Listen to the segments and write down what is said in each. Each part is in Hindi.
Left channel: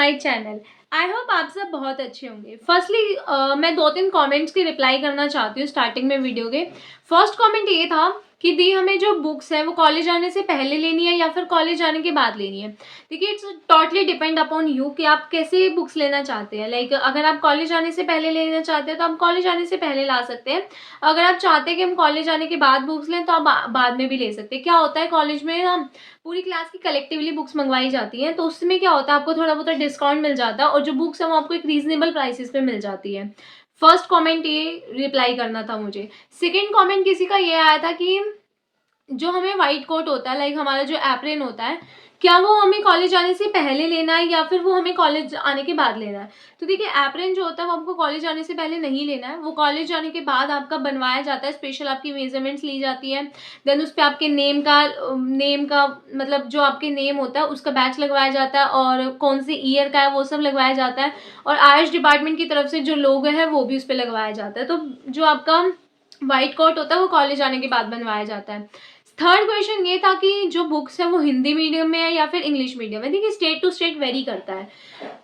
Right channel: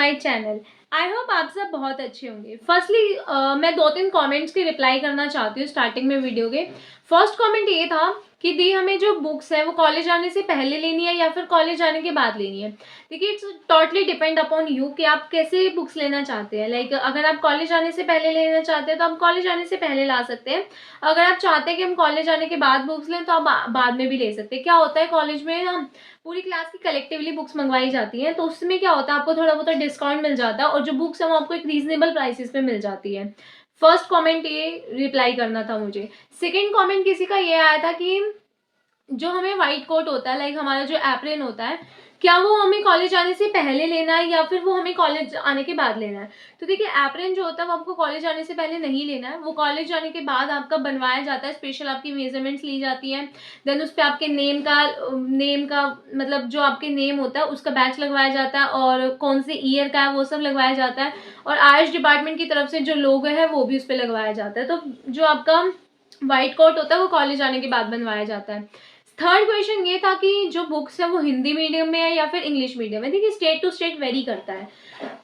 My channel. आई होप आप सब बहुत अच्छे होंगे। फर्स्टली मैं 2-3 कमेंट्स की रिप्लाई करना चाहती हूँ स्टार्टिंग में वीडियो के। फर्स्ट कमेंट ये था कि दी हमें जो बुक्स है वो कॉलेज आने से पहले लेनी है या फिर कॉलेज आने के बाद लेनी है। देखिए it's totally depend upon you कि आप कैसे बुक्स लेना चाहते हैं। लाइक अगर आप कॉलेज आने से पहले लेना चाहते हैं तो आप कॉलेज आने से पहले ला सकते हैं। अगर आप चाहते हैं कि हम कॉलेज आने के बाद बुक्स लें तो आप बाद में भी ले सकते हैं। क्या होता है कॉलेज में हम पूरी क्लास की कलेक्टिवली बुक्स मंगवाई जाती हैं तो उसमें क्या होता है आपको थोड़ा बहुत डिस्काउंट मिल जाता है और जो बुक्स है वो आपको एक रीजनेबल प्राइसेस पे मिल जाती है। फर्स्ट कमेंट ये रिप्लाई करना था मुझे। सेकंड कमेंट किसी का ये आया था कि जो हमें वाइट कोट होता है लाइक हमारा जो एप्रन होता है क्या वो हमें कॉलेज आने से पहले लेना है या फिर वो हमें कॉलेज आने के बाद लेना है। तो देखिए एप्रन जो होता है वो आपको कॉलेज आने से पहले नहीं लेना है, वो कॉलेज आने के बाद आपका बनवाया जाता है। स्पेशल आपकी मेजरमेंट्स ली जाती है, देन उस पर आपके नेम का मतलब जो आपके नेम होता है उसका बैच लगवाया जाता है और कौन से ईयर का है वो सब लगवाया जाता है और आयुष डिपार्टमेंट की तरफ से जो लोगो है वो भी उस पर लगवाया जाता है। तो जो आपका व्हाइट कोट होता है वो कॉलेज आने के बाद बनवाया जाता है। थर्ड क्वेश्चन ये था कि जो बुक्स है वो हिंदी मीडियम में है या फिर इंग्लिश मीडियम में। देखिए स्टेट टू स्टेट वेरी करता है,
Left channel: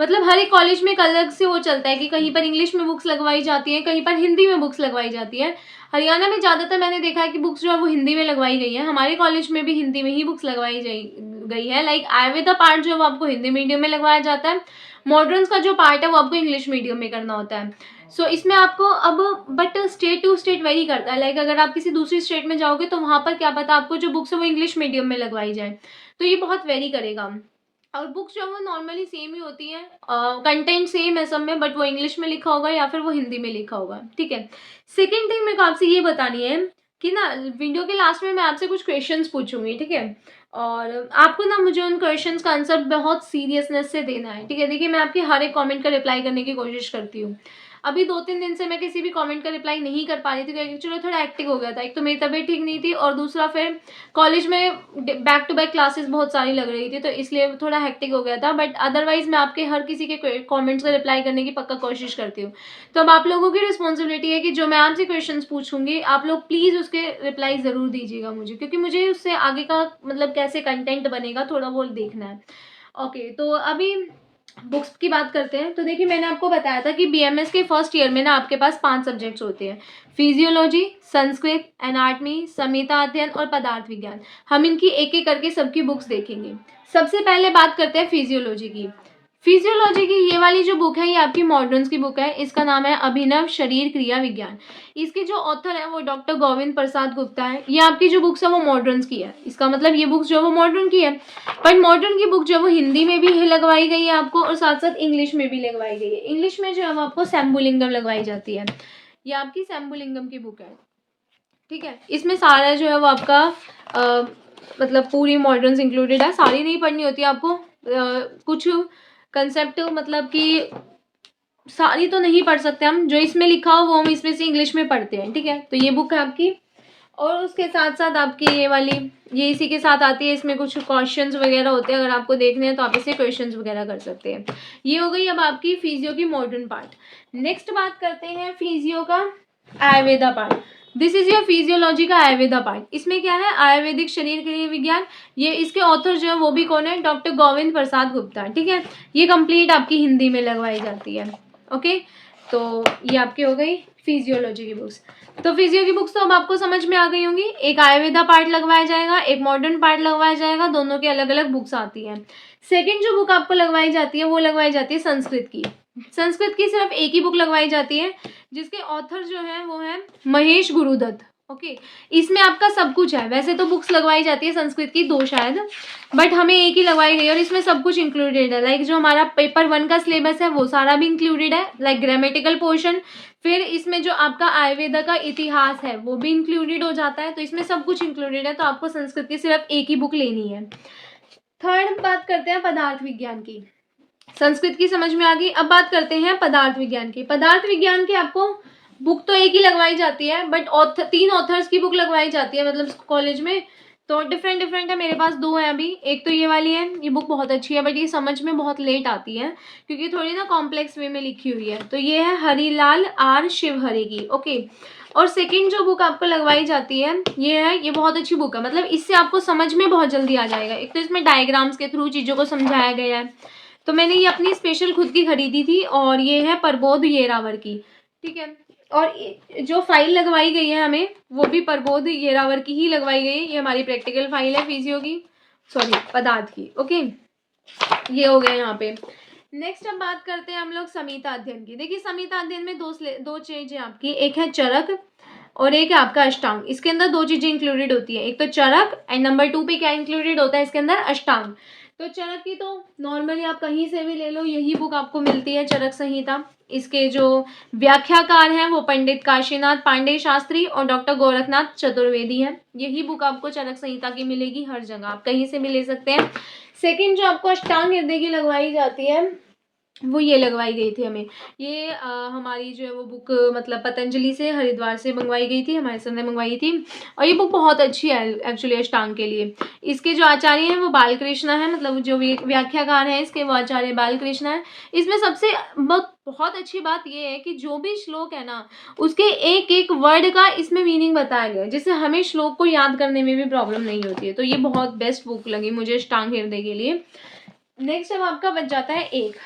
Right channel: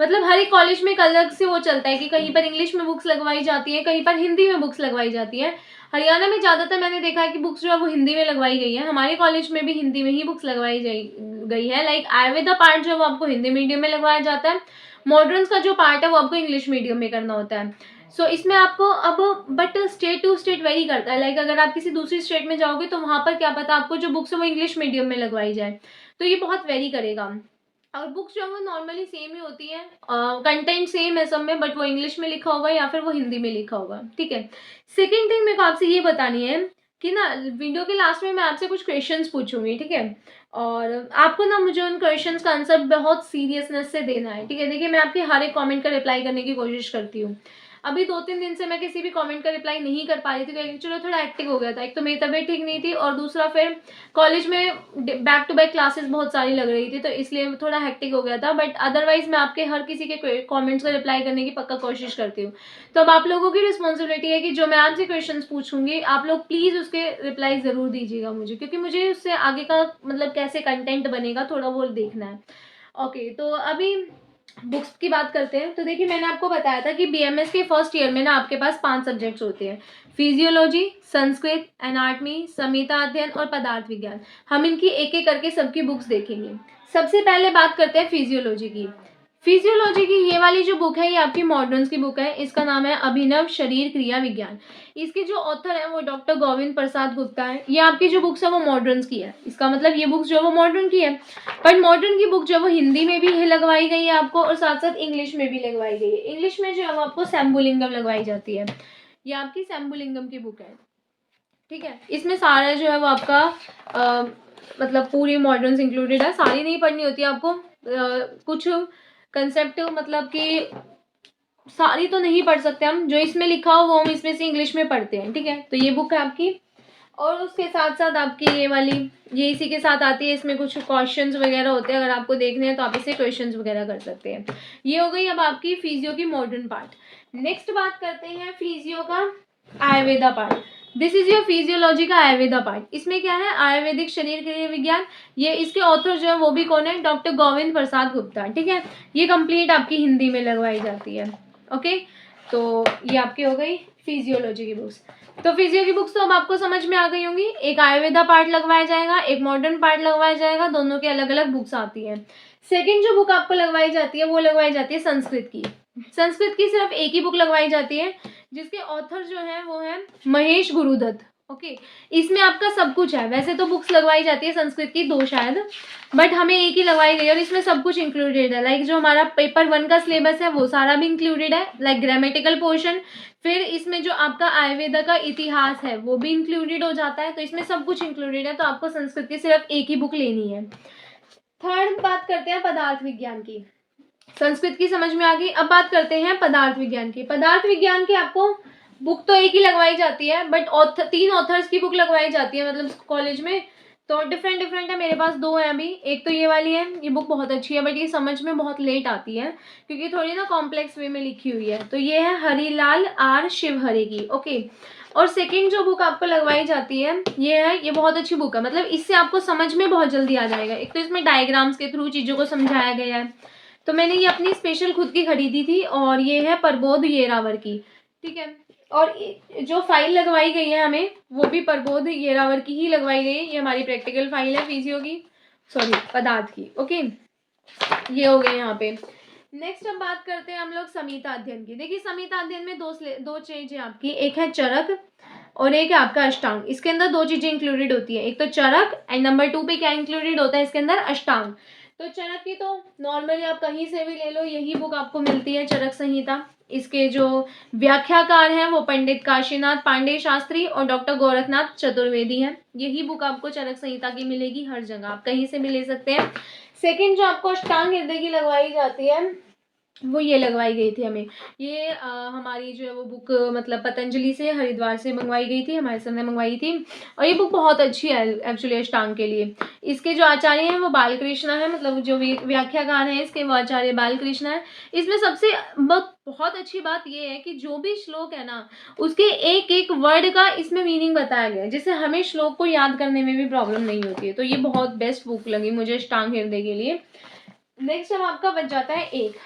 मतलब हर एक कॉलेज में एक अलग से वो चलता है कि कहीं पर इंग्लिश में बुक्स लगवाई जाती है, कहीं पर हिंदी में बुक्स लगवाई जाती है। हरियाणा में ज़्यादातर मैंने देखा है कि बुक्स जो है वो हिंदी में लगवाई गई है। हमारे कॉलेज में भी हिंदी में ही बुक्स लगवाई गई है। लाइक आयुर्वेदा पार्ट जो है वो आपको हिंदी मीडियम में लगवाया जाता है, मॉडर्न्स का जो पार्ट है वो आपको इंग्लिश मीडियम में करना होता है। इसमें आपको अब but state to state vary करता है। लाइक अगर आप किसी दूसरी स्टेट में जाओगे तो वहाँ पर क्या पता आपको जो बुक्स है वो इंग्लिश मीडियम में लगवाई जाए, तो ये बहुत वेरी करेगा। और बुक्स जो है वो नॉर्मली सेम ही होती है, कंटेंट सेम है सब में, बट वो इंग्लिश में लिखा होगा या फिर वो हिंदी में लिखा होगा। ठीक है। सेकेंड थिंग मेरे को आपसे ये बतानी है कि ना वीडियो के लास्ट में मैं आपसे कुछ क्वेश्चंस पूछूंगी, ठीक है, और आपको ना मुझे उन क्वेश्चंस का आंसर बहुत सीरियसनेस से देना है। ठीक है, देखिए मैं आपकी हर एक कमेंट का रिप्लाई करने की कोशिश करती हूँ। अभी 2-3 दिन से मैं किसी भी कमेंट का रिप्लाई नहीं कर पा रही थी क्योंकि चलो थोड़ा एक्टिव हो गया था। एक तो मेरी तबीयत ठीक नहीं थी और दूसरा फिर कॉलेज में बैक टू बैक क्लासेस बहुत सारी लग रही थी तो इसलिए थोड़ा हेक्टिक हो गया था। बट अदरवाइज मैं आपके हर किसी के कमेंट्स का रिप्लाई करने की पक्का कोशिश करती हूँ। तो अब आप लोगों की रिस्पॉन्सिबिलिटी है कि जो मैं आपसे क्वेश्चन पूछूंगी आप लोग प्लीज़ उसके रिप्लाई ज़रूर दीजिएगा मुझे, क्योंकि मुझे उससे आगे का मतलब कैसे कंटेंट बनेगा थोड़ा वो देखना है। ओके, तो अभी बुक्स की बात करते हैं। तो देखिए मैंने आपको बताया था कि बीएमएस के फर्स्ट ईयर में ना आपके पास 5 सब्जेक्ट्स होते हैं, फिजियोलॉजी, संस्कृत, एनाटमी, संहिता अध्ययन और पदार्थ विज्ञान। हम इनकी एक एक करके सबकी बुक्स देखेंगे। सबसे पहले बात करते हैं फिजियोलॉजी की। फिजियोलॉजी की ये वाली जो बुक है ये आपकी मॉडर्न्स की बुक है। इसका नाम है अभिनव शरीर क्रिया विज्ञान। इसके जो ऑथर है वो डॉक्टर गोविंद प्रसाद गुप्ता है। ये आपकी जो बुक्स है वो मॉडर्न्स की है, इसका मतलब ये बुक्स जो है वो मॉडर्न की है। बट मॉडर्न की बुक जो है वो हिंदी में भी लगवाई गई है आपको और साथ साथ इंग्लिश में भी लगवाई गई है। इंग्लिश में जो है वो आपको शंभुलिंगम लगवाई जाती है। ये आपकी शंभुलिंगम की बुक है। ठीक है, इसमें सारा जो है वो आपका मतलब पूरी मॉडर्न्स इंक्लूडेड है। सारी नहीं पढ़नी होती आपको, कुछ कंसेप्ट मतलब कि सारी तो नहीं पढ़ सकते हम, जो इसमें लिखा हो वो हम इसमें से इंग्लिश में पढ़ते हैं। ठीक है, तो ये बुक है आपकी। और उसके साथ साथ आपकी ये वाली ये इसी के साथ आती है। इसमें कुछ क्वेश्चंस वगैरह होते हैं, अगर आपको देखने हैं तो आप इसे क्वेश्चंस वगैरह कर सकते हैं। ये हो गई अब आपकी फिजियो की मॉडर्न पार्ट। नेक्स्ट बात करते हैं फिजियो का Ayurveda part. This is your physiology का आयुर्वेदा पार्ट। इसमें क्या है, आयुर्वेदिक शरीर क्रिया विज्ञान। ये इसके ऑथर जो है वो भी कौन है, डॉक्टर गोविंद प्रसाद गुप्ता। ठीक है, ये कंप्लीट आपकी हिंदी में लगवाई जाती है। ओके, तो ये आपकी हो गई फिजियोलॉजी की बुक्स। तो फिजियो की बुक्स तो अब आपको समझ में आ गई होंगी। एक आयुर्वेदा पार्ट लगवाया जाएगा, एक मॉडर्न पार्ट लगवाया जाएगा, दोनों की अलग अलग बुक्स आती हैं। सेकंड जो बुक आपको लगवाई जाती है वो लगवाई जाती है संस्कृत की। संस्कृत की सिर्फ एक ही बुक लगवाई जाती है जिसके ऑथर जो है वो है महेश गुरुदत्त। ओके, इसमें आपका सब कुछ है। वैसे तो बुक्स लगवाई जाती है संस्कृत की 2 शायद, बट हमें एक ही लगवाई गई और इसमें सब कुछ इंक्लूडेड है। लाइक जो हमारा पेपर 1 का सिलेबस है वो सारा भी इंक्लूडेड है, लाइक ग्रामेटिकल पोर्शन। फिर इसमें जो आपका आयुर्वेदा का इतिहास है वो भी इंक्लूडेड हो जाता है। तो इसमें सब कुछ इंक्लूडेड है, तो आपको संस्कृत की सिर्फ एक ही बुक लेनी है। थर्ड बात करते हैं पदार्थ विज्ञान की। संस्कृत की समझ में आ गई, अब बात करते हैं पदार्थ विज्ञान की। पदार्थ विज्ञान की आपको बुक तो एक ही लगवाई जाती है, बट 3 ऑथर्स की बुक लगवाई जाती है मतलब कॉलेज में। तो डिफरेंट डिफरेंट है, मेरे पास 2 हैं अभी। एक तो ये वाली है, ये बुक बहुत अच्छी है बट ये समझ में बहुत लेट आती है क्योंकि थोड़ी ना कॉम्प्लेक्स वे में लिखी हुई है। तो ये है हरिलाल आर शिवहरे की। ओके, और सेकेंड जो बुक आपको लगवाई जाती है ये है, ये बहुत अच्छी बुक है, मतलब इससे आपको समझ में बहुत जल्दी आ जाएगा। एक तो इसमें डायग्राम्स के थ्रू चीज़ों को समझाया गया है, तो मैंने ये अपनी स्पेशल खुद की खरीदी थी और ये है प्रबोध येरावर की, ठीक है। और जो फाइल लगवाई गई है हमें वो भी प्रबोध येरावर की ही लगवाई गई है। ये हमारी प्रैक्टिकल फाइल है फिजियो की, सॉरी पदार्थ की, ओके। ये हो गया यहाँ पे। नेक्स्ट अब बात करते हैं हम लोग समीता अध्ययन की। देखिए समीता अध्ययन में दो चीज है आपकी, एक है चरक और एक है आपका अष्टांग। इसके अंदर दो चीजें इंक्लूडेड होती है, एक तो चरक एंड नंबर 2 पे क्या इंक्लूडेड होता है इसके अंदर, अष्टांग। तो चरक की तो नॉर्मली आप कहीं से भी ले लो, यही बुक आपको मिलती है चरक संहिता। इसके जो व्याख्याकार हैं वो पंडित काशीनाथ पांडे शास्त्री और डॉक्टर गोरखनाथ चतुर्वेदी हैं। यही बुक आपको चरक संहिता की मिलेगी हर जगह, आप कहीं से भी ले सकते हैं। सेकेंड जो आपको अष्टांग हृदय की लगवाई जाती है वो ये लगवाई गई थी हमें। ये हमारी जो है वो बुक मतलब पतंजलि से हरिद्वार से मंगवाई गई थी, हमारे सर ने मंगवाई थी। और ये बुक बहुत अच्छी है एक्चुअली अष्टांग के लिए। इसके जो आचार्य हैं वो बालकृष्ण है, मतलब जो व्याख्याकार हैं इसके वो आचार्य बालकृष्ण है। इसमें सबसे बहुत अच्छी बात ये है कि जो भी श्लोक है ना उसके एक एक वर्ड का इसमें मीनिंग बताया गया है, जिससे हमें श्लोक को याद करने में भी प्रॉब्लम नहीं होती है। तो ये बहुत बेस्ट बुक लगी मुझे अष्टांग हृदय के लिए। नेक्स्ट अब आपका बच जाता है एक,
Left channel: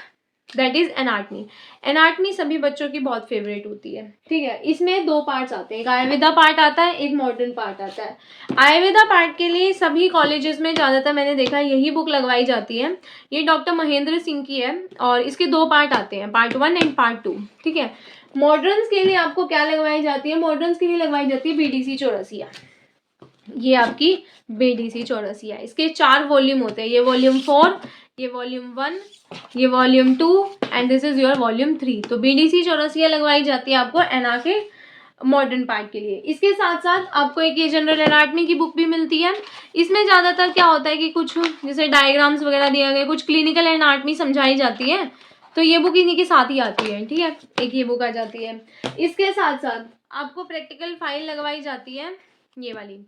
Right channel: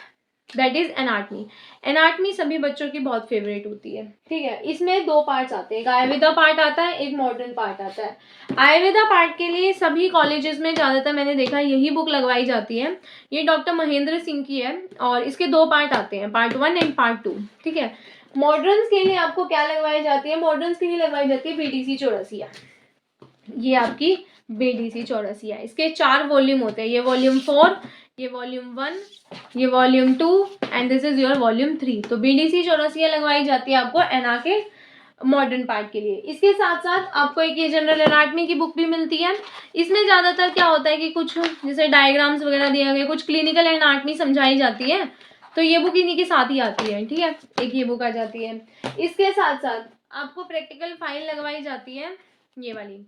दैट इज एनाटमी। एनाटमी सभी बच्चों की बहुत फेवरेट होती है, ठीक है। इसमें दो पार्ट्स आते हैं, एक आयुर्वेदा पार्ट आता है, एक मॉडर्न पार्ट आता है। आयुर्वेदा पार्ट के लिए सभी कॉलेजेस में ज़्यादातर मैंने देखा यही बुक लगवाई जाती है। ये डॉक्टर महेंद्र सिंह की है और इसके दो पार्ट आते हैं, पार्ट 1 एंड पार्ट 2, ठीक है। मॉडर्न्स के लिए आपको क्या लगवाई जाती है, मॉडर्न्स के लिए लगवाई जाती है बीडीसी चौरसिया। ये आपकी बीडीसी चौरसिया, इसके 4 वॉल्यूम होते हैं, ये वॉल्यूम 4, ये वॉल्यूम 1, ये volume 2 and this is your volume 3। तो बीडीसी चौरसिया लगवाई जाती है आपको एना के मॉडर्न पार्ट के लिए। इसके साथ साथ आपको एक ये जनरल एनाटमी की बुक भी मिलती है। इसमें ज़्यादातर क्या होता है कि कुछ जैसे डायग्राम्स वगैरह दिया गया, कुछ क्लिनिकल एनाटमी समझाई जाती है, तो ये बुक इन्हीं के साथ ही आती है, ठीक है। एक ये बुक आ जाती है। इसके साथ साथ आपको प्रैक्टिकल फाइल लगवाई जाती है ये वाली,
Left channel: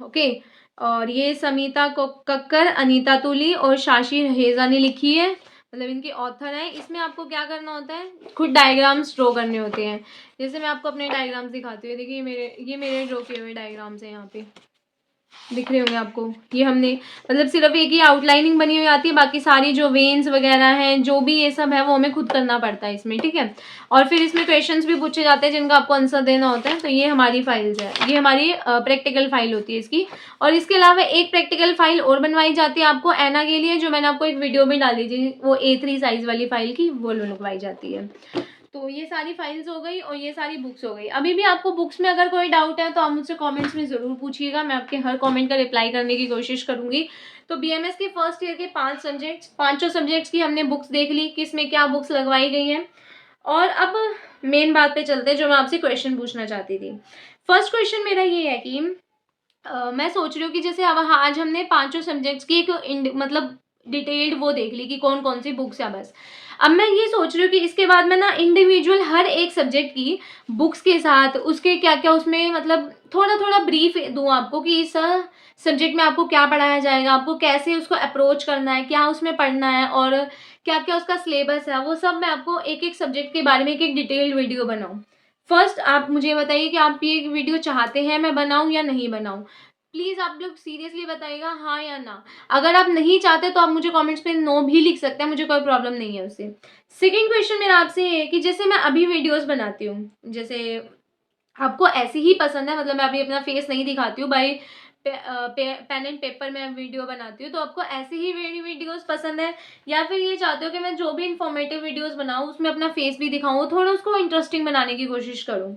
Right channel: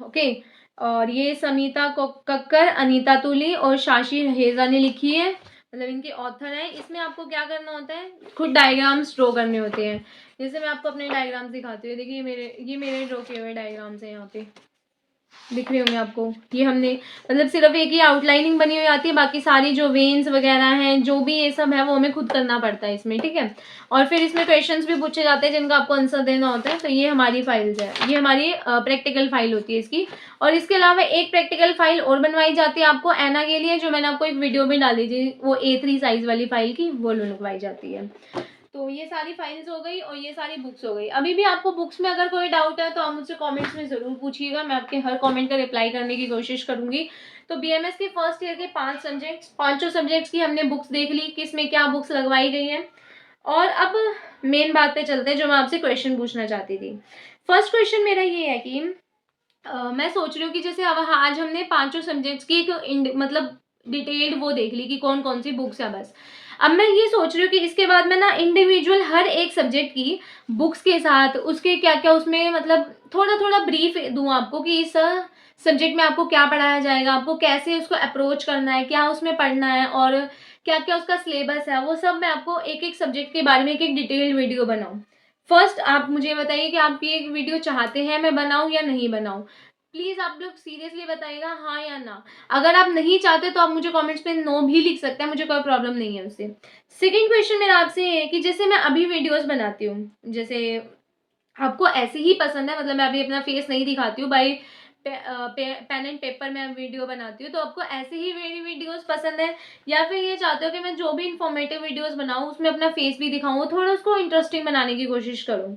ओके। और ये समीता कक्कर, अनीता तुली और शाशी रहेजा ने लिखी है, मतलब इनके ऑथर हैं। इसमें आपको क्या करना होता है, खुद डायग्राम्स ड्रॉ करने होते हैं। जैसे मैं आपको अपने डायग्राम्स दिखाती हूँ, देखिए ये मेरे ड्रॉ किए हुए डायग्राम्स हैं, यहाँ पे दिख रहे होंगे आपको। ये हमने मतलब सिर्फ एक ही आउटलाइनिंग बनी हुई आती है, बाकी सारी जो वेन्स वगैरह हैं जो भी ये सब है वो हमें खुद करना पड़ता है इसमें, ठीक है। और फिर इसमें क्वेश्चंस भी पूछे जाते हैं जिनका आपको आंसर देना होता है। तो ये हमारी फाइल्स है, ये हमारी प्रैक्टिकल फाइल होती है इसकी। और इसके अलावा एक प्रैक्टिकल फाइल और बनवाई जाती है आपको एना के लिए, जो मैंने आपको एक वीडियो में डाली थी, वो A3 साइज वाली फाइल की वो लगवाई जाती है। तो ये सारी फाइल्स हो गई और ये सारी बुक्स हो गई। अभी भी आपको बुक्स में अगर कोई डाउट है तो आप मुझसे कमेंट्स में ज़रूर पूछिएगा, मैं आपके हर कमेंट का रिप्लाई करने की कोशिश करूंगी। तो बीएमएस के फर्स्ट ईयर के 5 सब्जेक्ट्स की हमने बुक्स देख ली, किस में क्या बुक्स लगवाई गई हैं। और अब मेन बात पे चलते हैं, जो मैं आपसे क्वेश्चन पूछना चाहती थी। फर्स्ट क्वेश्चन मेरा ये है कि मैं सोच रही हूँ कि जैसे अब आज हमने 5 सब्जेक्ट्स की एक मतलब डिटेल्ड वो देख ली कि कौन कौन सी बुक्स है बस। अब मैं ये सोच रही हूँ कि इसके बाद मैं ना इंडिविजुअल हर एक सब्जेक्ट की बुक्स के साथ उसके क्या क्या उसमें मतलब थोड़ा थोड़ा ब्रीफ दूँ आपको कि इस सब्जेक्ट में आपको क्या पढ़ाया जाएगा, आपको कैसे उसको अप्रोच करना है, क्या उसमें पढ़ना है और क्या क्या उसका सिलेबस है, वो सब मैं आपको एक एक सब्जेक्ट के बारे में एक एक डिटेल्ड वीडियो बनाऊँ। फर्स्ट आप मुझे बताइए कि आप ये वीडियो चाहते हैं मैं बनाऊँ या नहीं बनाऊँ। प्लीज़ आप लोग सीरियसली बताइएगा हाँ या ना। अगर आप नहीं चाहते तो आप मुझे कमेंट्स में नो भी लिख सकते हैं, मुझे कोई प्रॉब्लम नहीं है उससे। सेकेंड क्वेश्चन मेरा आपसे ये है कि जैसे मैं अभी वीडियोस बनाती हूँ, जैसे आपको ऐसे ही पसंद है, मतलब मैं अभी अपना फेस नहीं दिखाती हूँ, बाई पेन एंड पेपर में वीडियो बनाती हूँ, तो आपको ऐसे ही मेरी वीडियोस पसंद है या फिर ये चाहते हो कि मैं जो भी इंफॉर्मेटिव वीडियोस बनाऊँ उसमें अपना फेस भी दिखाऊँ, थोड़ा उसको इंटरेस्टिंग बनाने की कोशिश करूँ।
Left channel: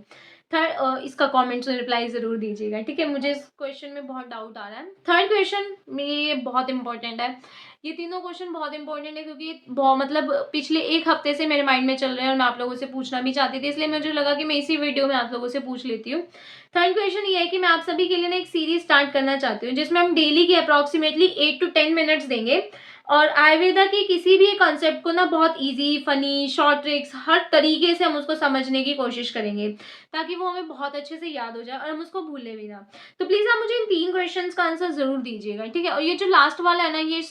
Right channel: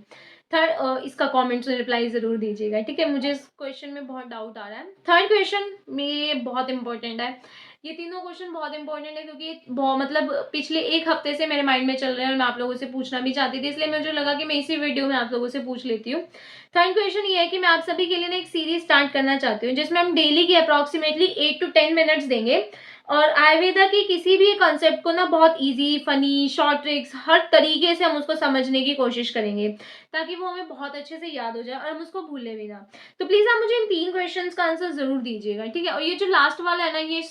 थर्ड इसका कमेंट्स में रिप्लाई ज़रूर दीजिएगा, ठीक है। मुझे इस क्वेश्चन में बहुत डाउट आ रहा है। थर्ड क्वेश्चन में ये बहुत इंपॉर्टेंट है, ये तीनों क्वेश्चन बहुत इंपॉर्टेंट है क्योंकि बहुत मतलब पिछले एक हफ्ते से मेरे माइंड में चल रहे हैं और मैं आप लोगों से पूछना भी चाहती थी, इसलिए मुझे लगा कि मैं इसी वीडियो में आप लोगों से पूछ लेती हूँ। थर्ड क्वेश्चन ये है कि मैं आप सभी के लिए ना एक सीरीज स्टार्ट करना चाहती हूँ जिसमें हम डेली की अप्रॉक्सीमेटली 8 to 10 मिनट्स देंगे और आयुर्वेदा के किसी भी कॉन्सेप्ट को ना बहुत इजी फनी शॉर्ट ट्रिक्स हर तरीके से हम उसको समझने की कोशिश करेंगे ताकि वो हमें बहुत अच्छे से याद हो जाए और हम उसको भूले भी ना। तो प्लीज़ आप मुझे इन 3 क्वेश्चंस का आंसर ज़रूर दीजिएगा, ठीक है। और ये जो लास्ट वाला है ना, ये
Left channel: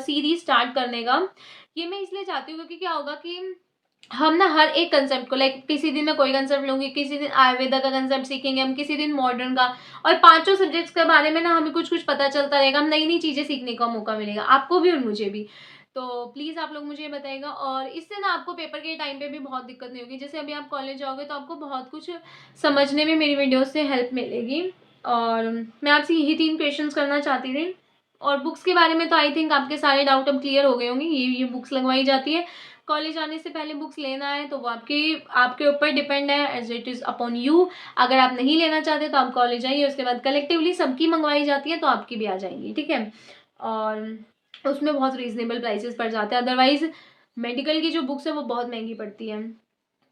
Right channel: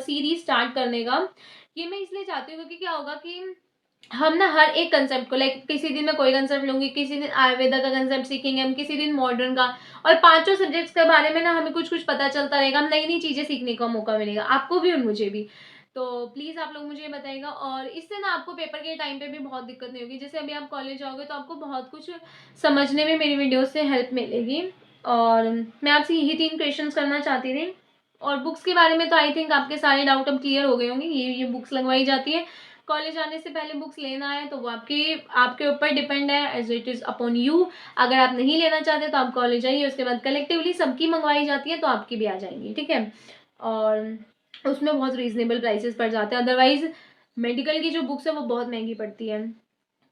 सीरीज स्टार्ट करने का ये मैं इसलिए चाहती हूँ क्योंकि क्या होगा कि हम ना हर एक कंसेप्ट को लाइक किसी दिन मैं कोई कंसेप्ट लूंगी, किसी दिन आयुर्वेदा का कंसेप्ट सीखेंगे हम, किसी दिन मॉडर्न का, और पांचों सब्जेक्ट्स के बारे में ना हमें कुछ कुछ पता चलता रहेगा, हम नई नई चीजें सीखने का मौका मिलेगा आपको भी और मुझे भी। तो प्लीज़ आप लोग मुझे ये बताइएगा, और इससे ना आपको पेपर के टाइम पे भी बहुत दिक्कत नहीं होगी। जैसे अभी आप कॉलेज जाओगे तो आपको बहुत कुछ समझने में मेरी वीडियो से हेल्प मिलेगी। और मैं आपसे यही 3 क्वेश्चंस करना चाहती थी। और बुक्स के बारे में तो आई थिंक आपके सारे डाउट अब क्लियर हो गए होंगे। ये बुक्स लगवाई जाती है। कॉलेज आने से पहले बुक्स लेना है तो वो आपके ऊपर डिपेंड है, as it is upon you. अगर आप नहीं लेना चाहते तो आप कॉलेज आइए, उसके बाद कलेक्टिवली सबकी मंगवाई जाती है तो आपकी भी आ जाएंगी, ठीक है। और उसमें बहुत रीज़नेबल प्राइसेस पड़ जाते हैं, अदरवाइज़ मेडिकल की जो बुक्स है वो बहुत महंगी पड़ती है,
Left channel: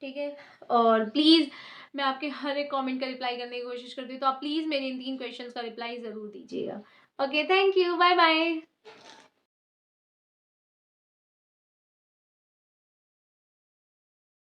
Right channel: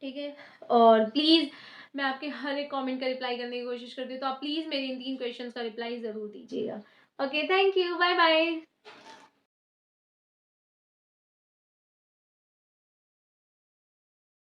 ठीक है। और प्लीज़ मैं आपके हर एक कमेंट का रिप्लाई करने की कोशिश करती हूँ, तो आप प्लीज़ मेरे इन 3 क्वेश्चंस का रिप्लाई ज़रूर दीजिएगा। Okay, thank you, bye bye.